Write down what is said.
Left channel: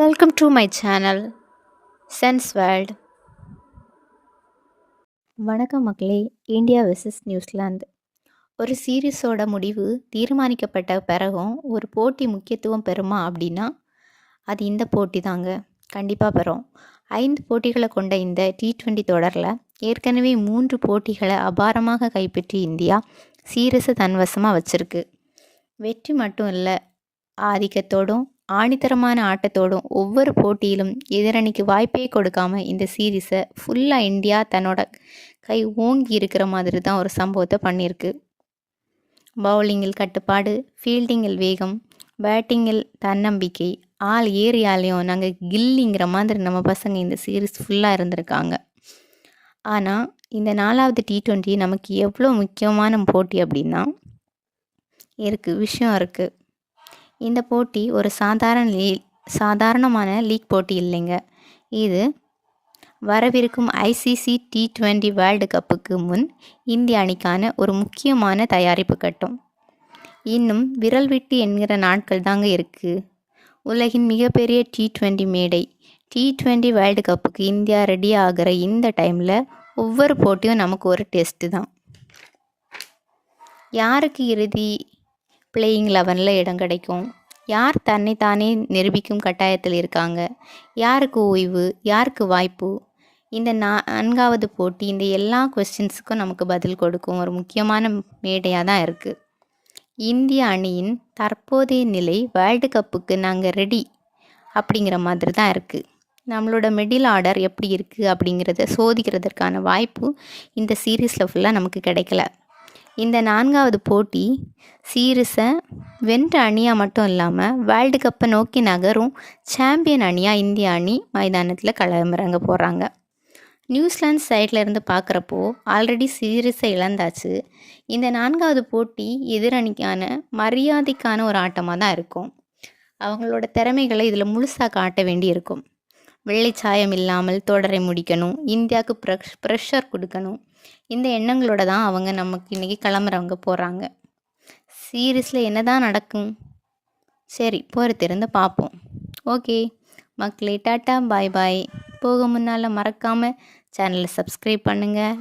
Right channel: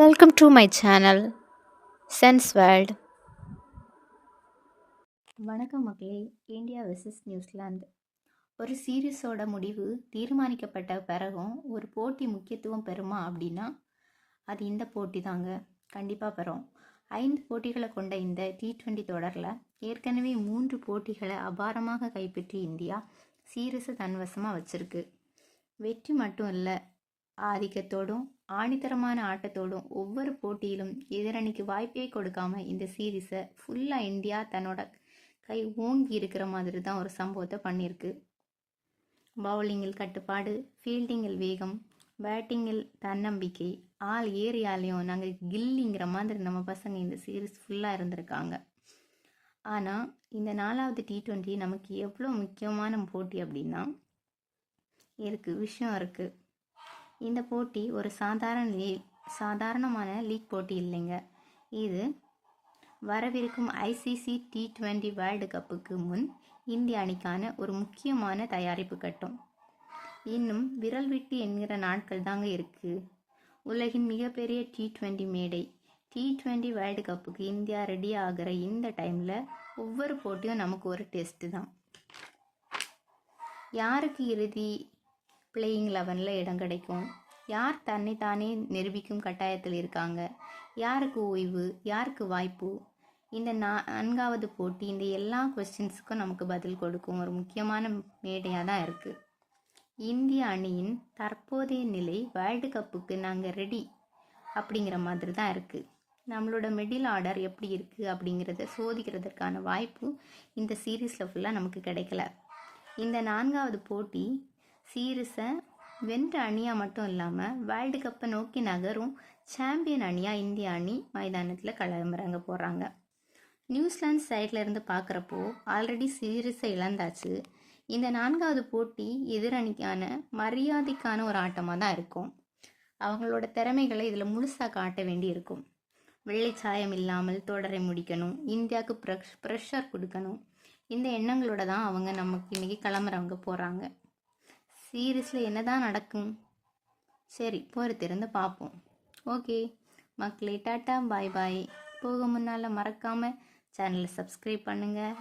Welcome to my channel, Sense World. வணக்கம் மக்களே. India versus New Zealand ஒரு சீரீஸோட முடிவு தீர்மானிக்கப்பட்ட பிறகும் ஒரு போட்டி முக்கியத்துவம் பெறுமா அப்படின்னா அது இந்த போட்டி தாங்க. கண்டிப்பாக பெறும். 5 போட்டிகளை கொண்ட இந்த T20 தொடரில் ஏற்கனவே 3 போட்டிகளை அபாரமாக கைப்பற்றி இந்தியா சீரீஸை தன்வசமாக வச்சிருக்கு. வெற்றி மட்டும் இல்லை, ஆதிக்கத்தோடும் ஆணித்தரமான ஆட்டத்தோடும் ஒவ்வொரு போட்டியிலும் எதிரணிக்கு வாய்ப்பே கொடுக்காம இந்த சீரீஸை ஃபுல்லாக இந்தியா தன்னோட கை ஓங்கி இருக்கிற மாதிரி தான் ஒரு சம்பவத்தை பண்ணியிருக்கு. பவுலிங்கில் கட்டுப்பாடு, ஃபீல்டிங்கில் வேகம், பேட்டிங்கில் தன்னம்பிக்கை, ஆள் ஏரியாலையும் நாங்கள் கில்லிங்கிற மாதிரி நம்ம பசங்க இந்த சீரீஸ் ஃபுல்லாக இருந்திருக்காங்க. ஆனால் இந்த 4வது T20 நமக்கு எவ்வளோ முக்கியமான போட்டி அப்படின்னா விஷயம் இருக்குது. இந்த போட்டி ஒரு சாதாரணமான லீக் போட்டி இல்லைங்க. இது வரவிருக்கும் ICC T20 வேர்ல்டு கப்புக்கு முன் இந்திய அணிக்கான ஒரு முக்கியமான தயாரிப்பு கட்டம். இன்னும் விரல் விட்டு என்கிற நாட்கள் தாங்க இருக்குது. உலகின் மிகப்பெரிய T20 மேடை T20 வேர்ல்டு கப்புக்கு இந்தியா ரெடி ஆகிற இந்த டைமில் ஒவ்வொரு போட்டியும் நமக்கு ஒரு டெஸ்ட்டு தான். யாருக்கு இறுதி பிளேயிங் 11 இடம் கிடைக்கும், யார் தன்னைத்தானே நிரூபிக்கும் கட்டாயத்தில் இருக்காங்க, யாருக்கு ஓய்வு, யாருக்கு வாய்ப்பு, இந்த 4வது போட்டி இந்த எல்லா கொஸ்டின்ஸுக்கும் நமக்கு பதில் கொடுக்கும் ஒரு முக்கியமான மேடையாக தான் இருக்குது. இந்திய அணியின் தற்போதைய நிலை வேர்ல்டு கப்புக்கு நாங்கள் ரெடி அப்படிங்கிற மாதிரி தான் இருக்குது. நம்மளோட மிடில் ஆர்டர் எப்படி இருக்குது அப்படிங்கிறத சோதிக்கிறதுக்கான வாய்ப்பு இந்த சீரீஸில் ஃபுல்லாக நமக்கு கிடைக்கல. இந்த 4வது போட்டி சீரீஸை வென்ற அணியாக மட்டும் இல்லாமல் வேர்ல்டு கப்பை நோக்கி நகரும் சாம்பியன் அணியாக இந்திய அணி மைதானத்தில் களமிறங்க போகிறாங்க. நியூசிலாந்து சைடில் இருந்து பார்க்குறப்போ ஆல்ரெடி சீரீஸை இழந்தாச்சு. இந்த 4வது போட்டி எதிரணிக்கான மரியாதைக்கான ஒரு ஆட்டமாக தான் இருக்கும். அவங்களோட திறமைகளை இதில் முழுசாக காட்ட வேண்டி இருக்கும். வெள்ளைச்சாயம் இல்லாமல் தொடரை முடிக்கணும், இந்தியாவுக்கு ப்ரெஷர் கொடுக்கணும், இந்த எண்ணங்களோட தான் அவங்க நமக்கு இன்றைக்கி கிளம்புறவங்க போகிறாங்க. சீரீஸில் என்ன தான் நடக்கும், சரி பொறுத்திருந்து பார்ப்போம். ஓகே மக்களே, டாட்டா பாய் பாய். போக முன்னால் மறக்காமல் சேனலை சப்ஸ்கிரைப் பண்ணுங்கள்.